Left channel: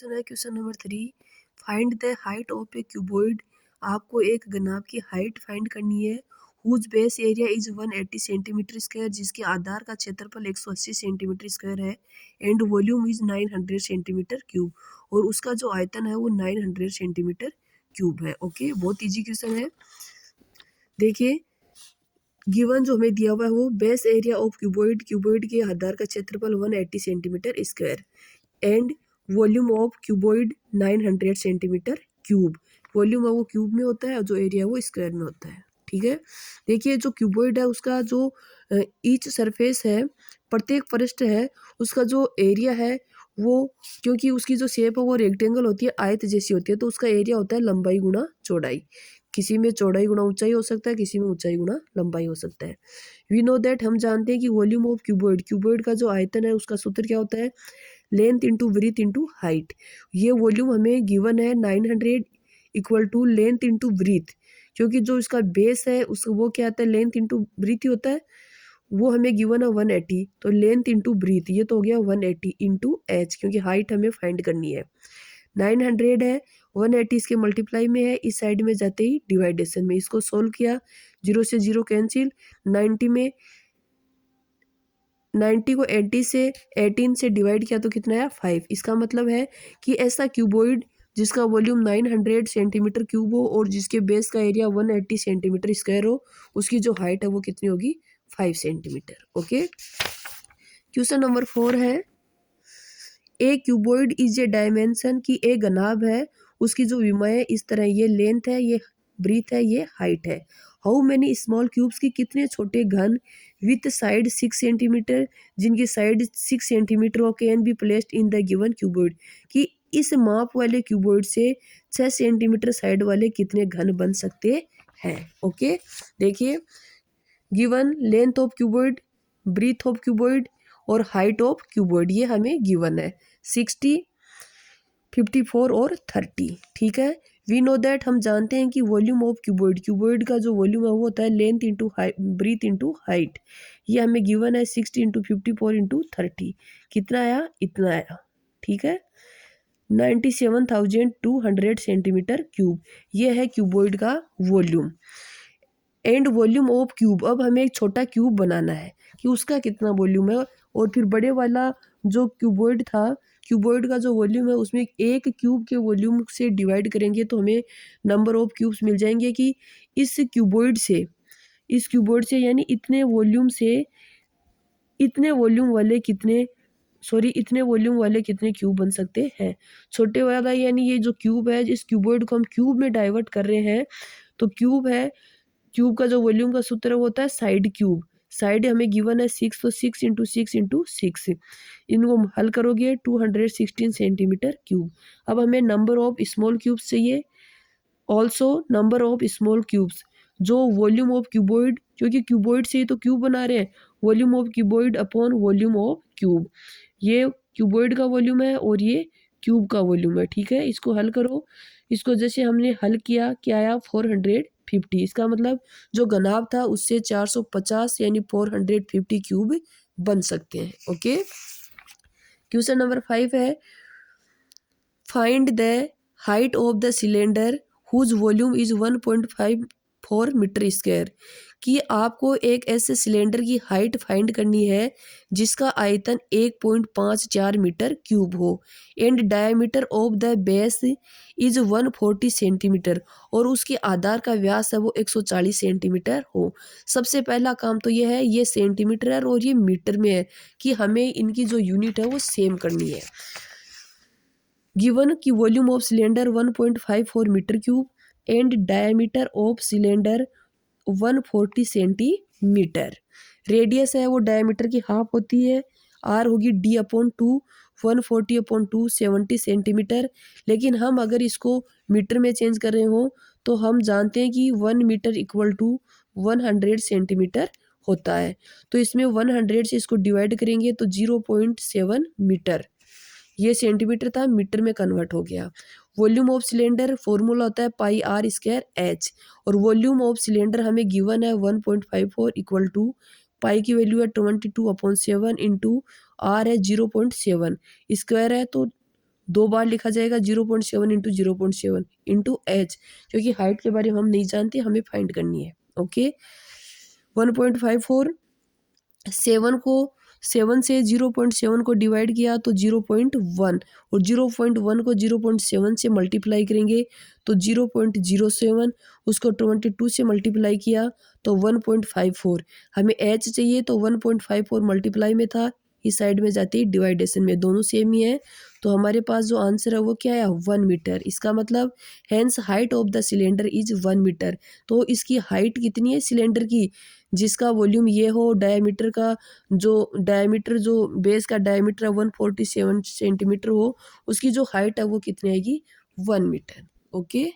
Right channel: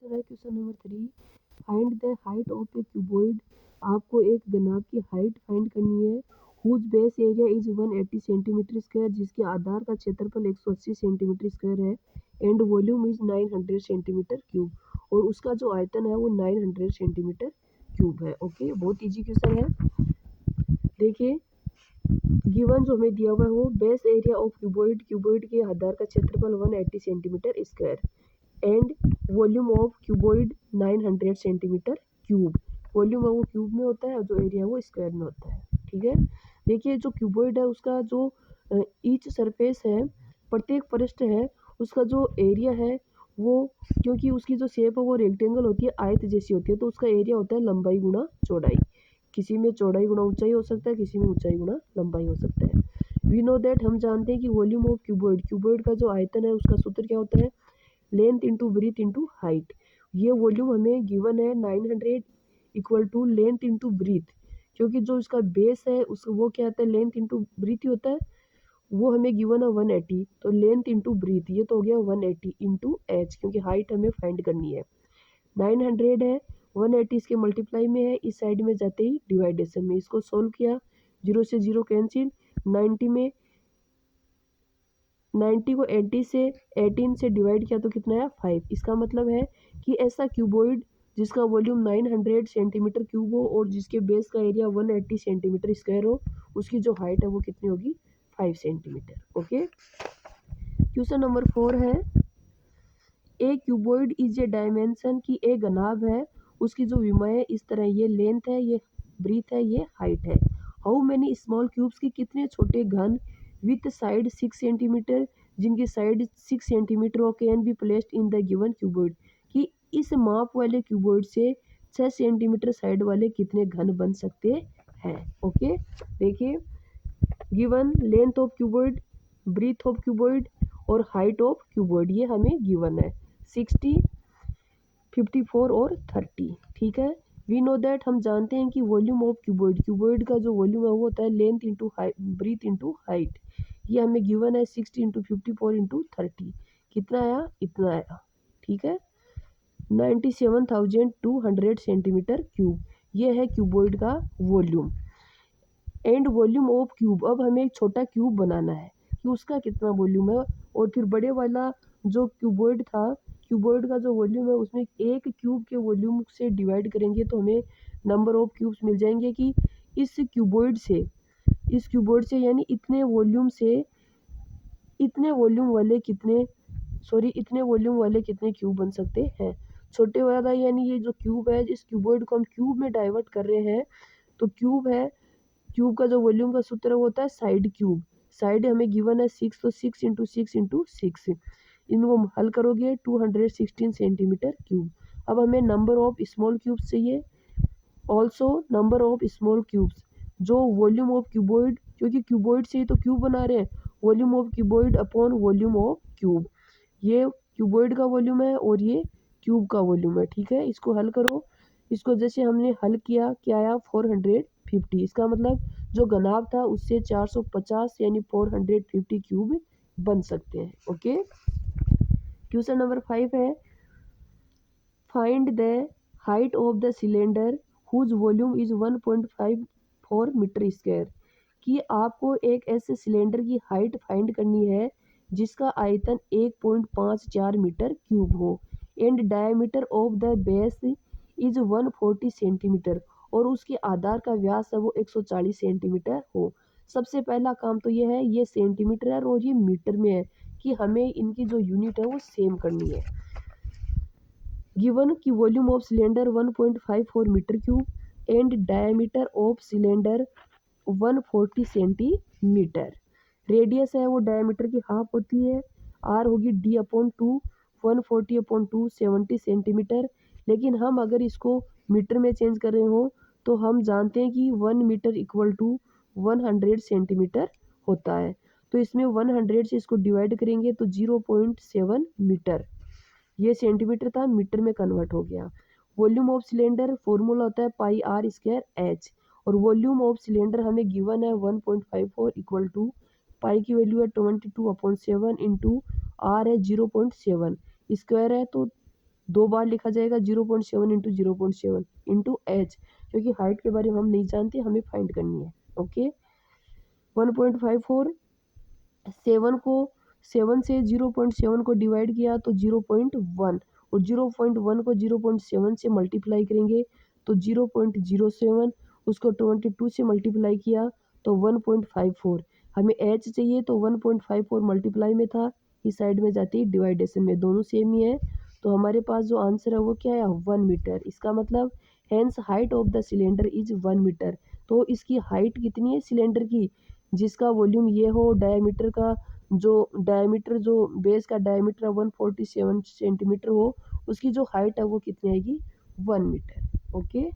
Question है question number 3। Find the height of a cuboid. आपको एक घनाभ की हाइट फाइंड करनी है। Whose base area is 180 centimetre square, जिसके आधार का क्षेत्रफल 180 सेंटीमीटर स्क्वायर है। And volume is 900 centimetre cube, और उसका जो आयतन है वो 900 सेंटीमीटर क्यूब है। ओके, बहुत इजी क्वेश्चन है। देखिए, गिवन जो हमें दिया हुआ है वो base area of cuboid, cuboid के आधार का क्षेत्रफल 180 centimetre square and volume of cuboid 900 centimetre cube. Volume है वो क्यूब में होता है और जो एरिया है वो स्क्वायर में होता है। ठीक है, देखिए जो क्यूबॉइड है उसका जो ईच सरफेस है, प्रत्येक पृष्ठ है, उसका जो एरिया है वो, क्योंकि उसकी जो शेप है वो रेक्टेंगल होती है, आयत जैसी होती है, तो उसका एरिया होता है लंबाई गुना चौड़ाई। किसी में चौड़ाई गुना ऊंचाई हो सकता है, किसी में ऊंचाई गुना लंबाई हो सकता है। वी नो दैट, हम जानते हैं कि वॉल्यूम ऑफ क्यूबॉइड, क्यूबॉइड का जो आयतन है उसका सूत्र क्या होता है, length into breadth into height. ये वॉल्यूम हमें गिवन है 900 equal to length into breadth, क्योंकि जो इसका बेस है उस वो क्या आता है, लेंथ इंटू ब्रीथ ही होता है। वो हमें गिवन है 180, तो लेंथ इंटू ब्रीथ ये तो हो गया 180 इंटू एच, क्योंकि हाइट हमें फाइंड करनी है। 900 है, 180 इसके मल्टीप्लाई में है, इस साइड में जाते ही डिवाइडेशन में इसको सोल्व किया, 0 से 0 कैंसिल, 90 में 90 को 80 से 18 से डिवाइड किया तो कितना आया 5। इसका मतलब है कि ऐसा क्यूबॉइड जिसका वॉल्यूम 900 सेंटीमीटर क्यूब हो और जिसके बेस का एरिया 180 सेंटीमीटर स्क्वायर हो, उसकी जो हाइट है वो कितनी होगी, 5 सेंटीमीटर। ओके, क्वेश्चन नंबर 4 है, ए क्यूबॉइड इज ए डायमेंशन, की एक घनाभ है, उसकी जो विमाएं है इस तरह, ये लेंथ है, ये ब्रीथ है, ये हाइट है। हाउ मैनी स्मॉल क्यूब्स, की कितने छोटे घन विथ साइड 6 सेंटीमीटर, जिनकी साइड 6 सेंटीमीटर हो, can be placed in the given cuboid, कि इस माप वाले क्यूबॉइड से 6 सेंटीमीटर साइड वाले कितने घन बन सकते हैं। ओके, देखिए, given length of cuboid, breadth of cuboid और हाइट ऑफ क्यूबॉइड, ये हमें गिवन है 60, 54 और 30। ठीक है, वी नो दैट, हम जानते हैं कि वॉल्यूम ऑफ क्यूबॉइड, क्यूबॉइड का जो वॉल्यूम है वो होता है length into breadth into height. ये हमें गिवन है 60 इंटू 54 इंटू 30, कितना आया, इतना आया। ठीक है, 97,200 सेंटीमीटर क्यूब, ये है क्यूबॉइड का volume. And volume of cube, अब हमें एक छोटा क्यूब बनाना है कि उसका कितना वॉल्यूम है, और फिर बड़े वाला जो क्यूबॉइड था, क्यूबॉइड का जो वॉल्यूम है उसमें एक क्यूब के वॉल्यूम से डिवाइड करेंगे तो हमें नंबर ऑफ क्यूब्स मिल जाएंगे, कि इस क्यूबॉइड से यानी इतने वॉल्यूम से इतने वॉल्यूम वाले कितने इतने वॉल्यूम वाले कितने क्यूब बन सकते हैं। छोटे वाला यानी ये जो क्यूब है, इस क्यूबॉइड को हम क्यूब में डाइवर्ट कर रहे हैं, तो क्यूब है, क्यूब का जो वॉल्यूम का सूत्र होता है साइड क्यूब, साइड हमें गिवन है 6, तो 6 इंटू 6 इंटू 6, इनको हल करोगे 216 सेंटीमीटर क्यूब। अब हमें नंबर ऑफ स्मॉल क्यूब्स चाहिए, also number of small cubes, जो वॉल्यूम ऑफ क्यूबॉइड, क्योंकि क्यूबॉइड से ही तो क्यूब बना रहे हैं, volume of cuboid upon volume of cube, ये क्यूबॉइड का वॉल्यूम है और ये क्यूब का वॉल्यूम है। ठीक है, इसको हल करो, इसको जैसे हमने हल किया, क्या आया 450, इसका मतलब जो घनाभ था उससे 450 यानी 450 क्यूब बन सकते हैं। ओके, क्वेश्चन नंबर 5 है, find the height of the cylinder whose volume is 1.54 metre square, कि आपको एक ऐसे सिलेंडर की हाइट फाइंड करनी है जिसका आयतन 1.54 मीटर क्यूब हो, and diameter of the base is 140 centimetre, और उसके आधार का व्यास है वो 140 सेंटीमीटर हो। सबसे पहला काम तो ये है, ये सेंटीमीटर है और ये मीटर में है, कि हमें इनकी जो यूनिट है वो सेम करनी है। गिवन की volume of cylinder 1.54 metre cube and diameter of cylinder 140 centimetre, radius है वो डायमीटर की हाफ होती है, आर होगी d/2, 140/2 70 सेंटीमीटर। लेकिन हम अगर इसको मीटर में चेंज कर रहे हो तो हम जानते हैं कि 1 मीटर इक्वल टू 100 सेंटीमीटर होता है, तो इसमें 100 से इसको डिवाइड करेंगे तो 0.7 मीटर, ये सेंटीमीटर था मीटर में कन्वर्ट हो गया। वॉल्यूम ऑफ सिलेंडर फॉर्मूला होता है पाई आर स्क्वायर एच, और वॉल्यूम ऑफ सिलेंडर हमें गिवन है 1.54 इक्वल टू पाई की वैल्यू है 22/7 इंटू आर है 0.7, स्क्वायर है तो 2 बार लिखा जाएगा 0.7 इंटू 0.7 इंटू एच, क्योंकि हाइट के बारे में हम नहीं जानते, हमें फाइंड करनी है। ओके, 1.54, 7 से 0.7 को डिवाइड किया तो 0.1, और 0.1 को 0.7 से मल्टीप्लाई करेंगे तो 0.07, उसको 22 से मल्टीप्लाई किया तो 1.54। हमें एच चाहिए तो 1.54 मल्टीप्लाई में था, इस साइड में जाती है डिवाइडेशन में, दोनों सेम ही है। तो हमारे पास जो आंसर है वो क्या है, 1 मीटर। इसका मतलब hence height of the cylinder is 1 metre. तो इसकी हाइट कितनी है सिलेंडर की, जिसका वॉल्यूम ये हो, डायमीटर का जो बेस का डायमीटर है 147 सेंटीमीटर हो, उसकी जो हाइट है वो कितनी आएगी, 1 मीटर। ओके।